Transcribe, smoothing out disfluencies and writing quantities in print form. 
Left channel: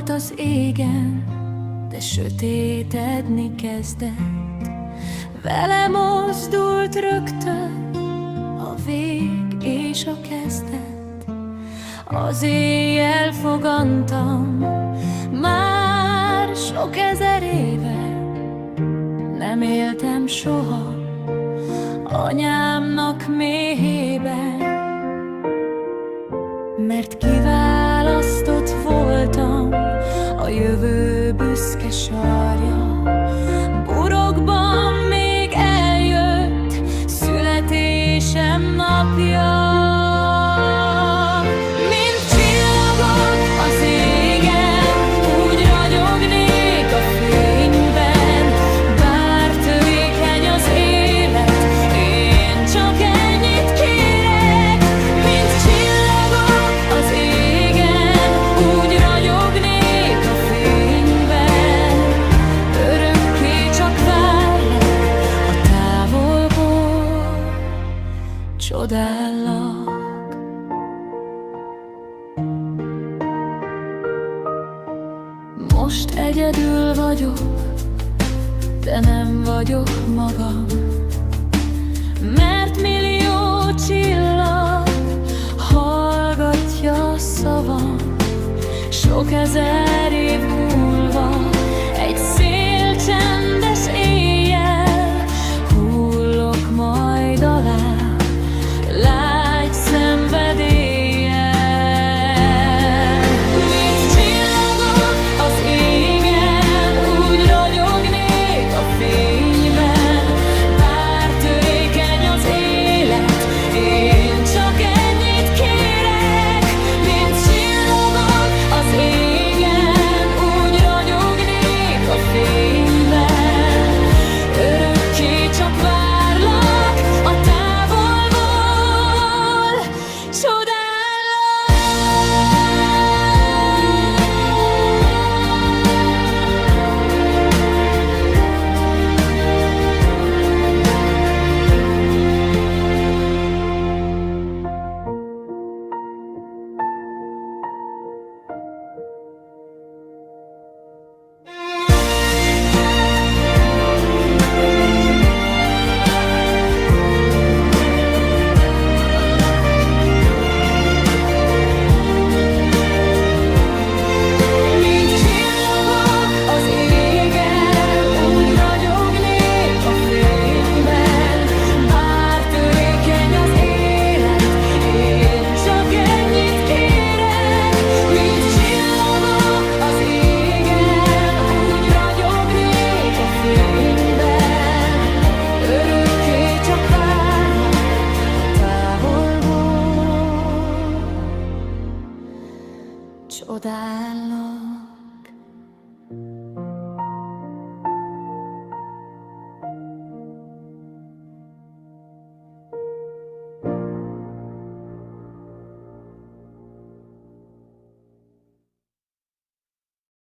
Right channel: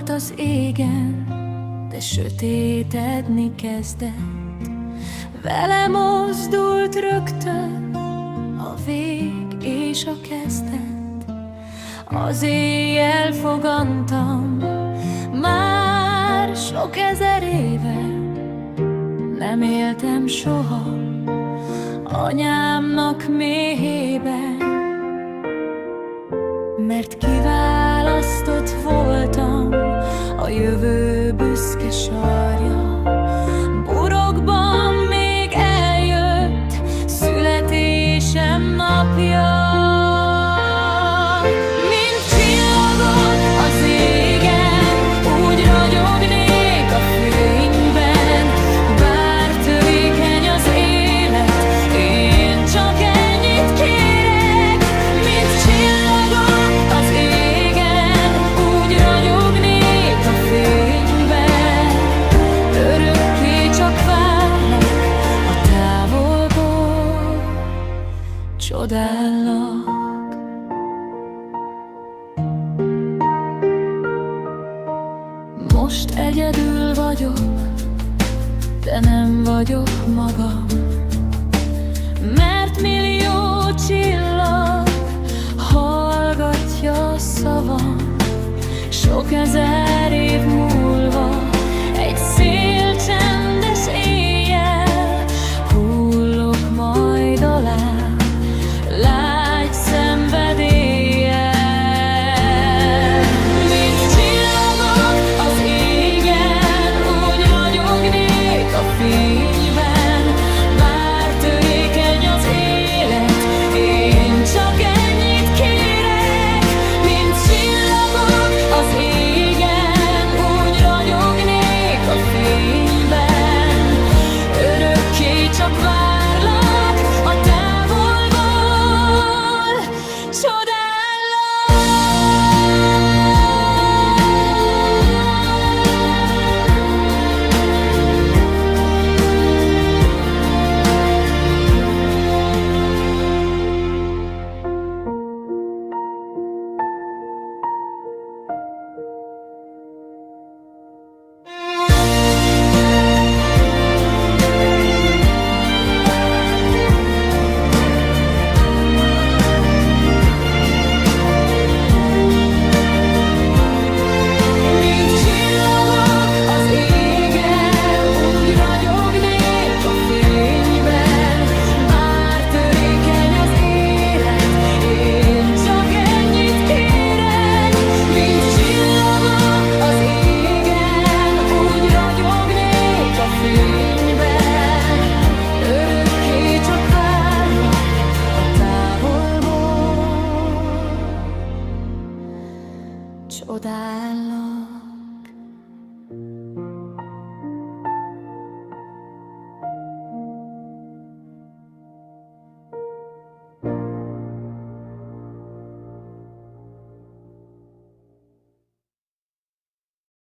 volt az égen, de sötétedni kezdett. Vele mozdult rögtön a vég és a kezdet. Az éjjel fogantam, már sok ezer éve. Nem éltem soha anyámnak méhében, mert kiválasztott voltam, a jövő büszke sarja. Burokban még eljött születésem napja. Mint csillagok az égen, úgy ragyognék a fényben. Bár törékeny az élet, én csak ennyit kérek. Mint csillagok az égen, úgy ragyognék a fényben. Örökké csak várlak a távolból, csodállak. Most egyedül vagyok, de nem vagyok magam, mert millió csillag hallgatja a szavam. Sok ezer év múlva, egy szél csendes éjjel, hullok majd alá lágy szenvedéllyel. Mint csillagok az égen, úgy ragyognék a fényben. Bár törékeny az élet, én csak ennyit kérek. Mint csillagok az égen, úgy ragyognék a fényben. Örökké csak várlak a távolból, csodállak. Fényben örökké csak várlak a távolból, csodállak.